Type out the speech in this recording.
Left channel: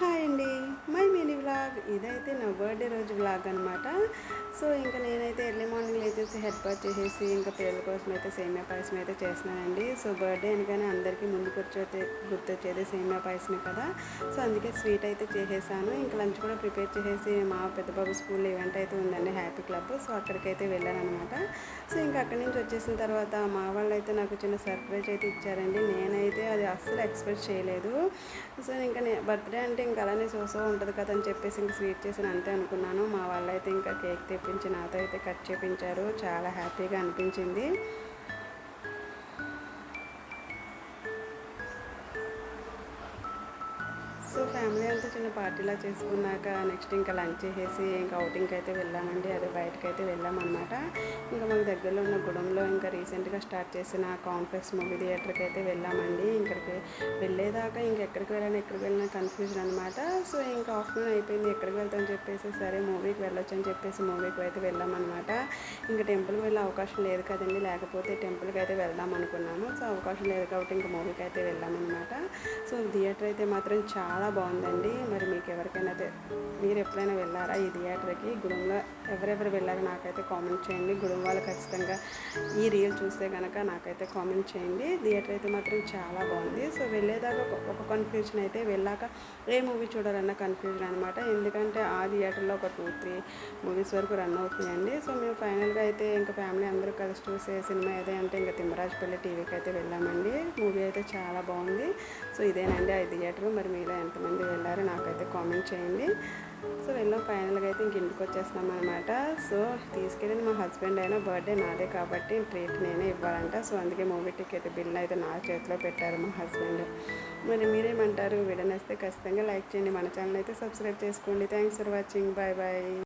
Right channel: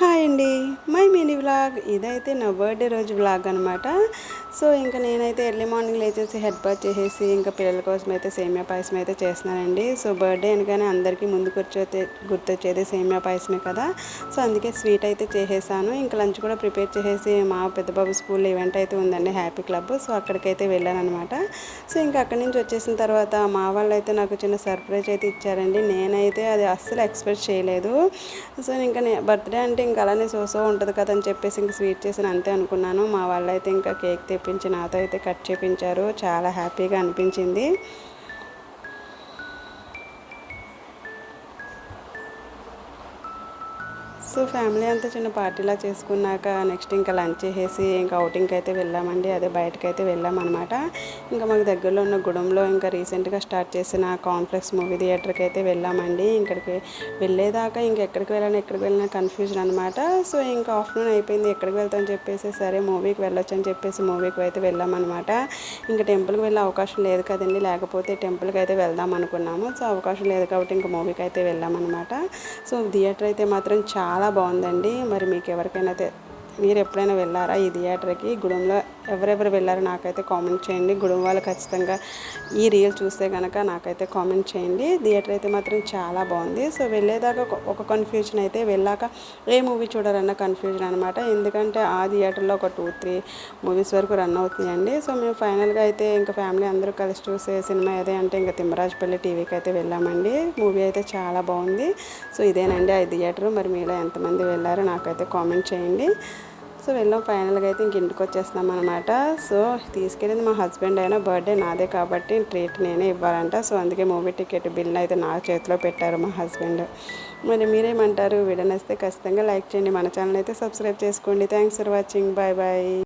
Hi అండి. My mini vlog ఇదైతే నా బర్త్డే రోజు వ్లాగ్ అనమాట. సో ఇంకా నేనైతే ఎర్లీ మార్నింగ్ లేచేసి హెడ్ బాత్ చేసేసి ఇంకా పిల్లల కోసం అయితే సేమియా పాయసం అయితే చేస్తున్నానండి. సో బర్త్డే అనగానే అందరికీ ముందు గుర్తొచ్చేది సేమియా పాయసమే కదా. సో అందుకే స్వీట్ అయితే చేసేసాను. ఇంకా లంచ్ కూడా ప్రిపేర్ చేసేసి మా పెద్ద బాబు స్కూల్లో ఈవెంట్ అయితే ఉందండి, హ్యాపీ క్లబ్. సో అక్కడికైతే వెళ్ళాను అనమాట. సో ఇంకా అక్కడి నుంచి వచ్చేసిన తర్వాత మా వాళ్ళు అయితే నాకు చిన్న సర్ప్రైజ్ అయితే ఇచ్చారండి. నేనైతే అది అస్సలు ఎక్స్పెక్ట్ చేయలేదు. సో ఇంకా బర్త్డే అంటే ఇంకా అలానే సో ఉంటుంది కదా అని చెప్పేసి ఇంక స్వీట్ చేసిన అంతే అనుకున్నాను. మా వాళ్ళు అయితే ఇంకా కేక్ తెప్పించి నాతో అయితే కట్ చేయించారు. చాలా హ్యాపీగా అనిపించింది. సో ఫ్యామిలీ అంతా చిన్న పార్టీలా చేసుకున్నాక నెక్స్ట్ ఇంకా లంచ్ చేసేసి ఇంకా అవుటింగ్కి అయితే వెళ్ళామండి. అదే బయటకు అయితే వెళ్ళామన్నమాట. ఇంకా మాకు దగ్గరలో ఉన్న గుడంలో ఇంకా రీసెంట్గా స్టార్ట్ చేసిన కాన్ఫ్లెక్స్ మూవీ థియేటర్కి అయితే వెళ్ళామండి. ఇక్కడికి వెళ్ళేదాకా ఎక్కడికి వెళ్ళినా కన్ఫ్యూజన్ అనమాట. సో ఇంకా ఆఫ్టర్నూన్ అయిపోయింది, ఎక్కడికి వెళ్తామని చెప్పేసి సరే మూవీకి వెళ్ళొచ్చు అని చెప్పేసి మూవీకి అయితే వెళ్ళామన్నమాట. ఇంకా టెంపుల్కి వెళ్ళే అవకాశం లేదు కదండి, లేకపోతే టెంపుల్కి అయితే వెళ్దాం అనుకున్నాము. సో అవకాశం లేదు కాబట్టి ఇంకా మూవీకి అయితే వెళ్ళామన్నమాట. సో థియేటర్ అయితే మాత్రం చాలా బాగుందండి. మరి మీకు ఎవరికైనా మీరు ఎప్పుడైనా వెళ్ళారా ఈ థియేటర్కి? గుడంలో ఎవరెవరు వెళ్ళారో నాకైతే కామెంట్ చేయండి. గుడం వాళ్ళు ఖచ్చితంగా ఈ రీల్ చూస్తే కనుక నాకైతే కామెంట్ చేయండి. థియేటర్ అయితే మాత్రం చాలా బాగుంది. సో వెళ్ళేదాకా ఒక కన్ఫ్యూజన్ అయితే, వెళ్ళాక ఏ మూవీ చూడాలన్న కన్ఫ్యూజన్ అనమాట. ఎందుకంటే ఆ థియేటర్లో ఒక 2-3 మూవీస్ వరకు రన్ అవుతున్నాయండి. సో మేము ఫైనల్గా అయితే ఇంకా ఫ్యామిలీ అందరూ కలిసి చూసే సినిమా ఏదే అంటే ఇంకా తిమ్మరాజపల్లి టీవీకి అయితే వెళ్ళామండి. మూవీ అయితే చాలా బాగుంది. సో ఇదేనండి ఆ థియేటర్. మరి మీలో ఎంతమంది వెళ్ళారో నాకైతే కామెంట్ చేయండి. సో వెళ్ళాం, ఫైనల్గా అయితే ఇంక ఇంటికి వచ్చేస్తాం అనమాట. సో తీసుకెళ్ళింది మా హస్బెండ్, అయినా బర్త్డే నాదే కాబట్టి ట్రీట్ నేనే ఇవ్వాలంట. సో అందుకే మూవీ టికెట్ బిల్ అయితే నా చేతిలో పెట్టారు మా హస్బెండ్. మరి మీరేమంటారు? వీడియో నచ్చితే ఖచ్చితంగా లైక్ చేయండి, మన ఛానల్ అయితే సబ్స్క్రైబ్ చేసుకోండి. Thanks for watching. Bye bye.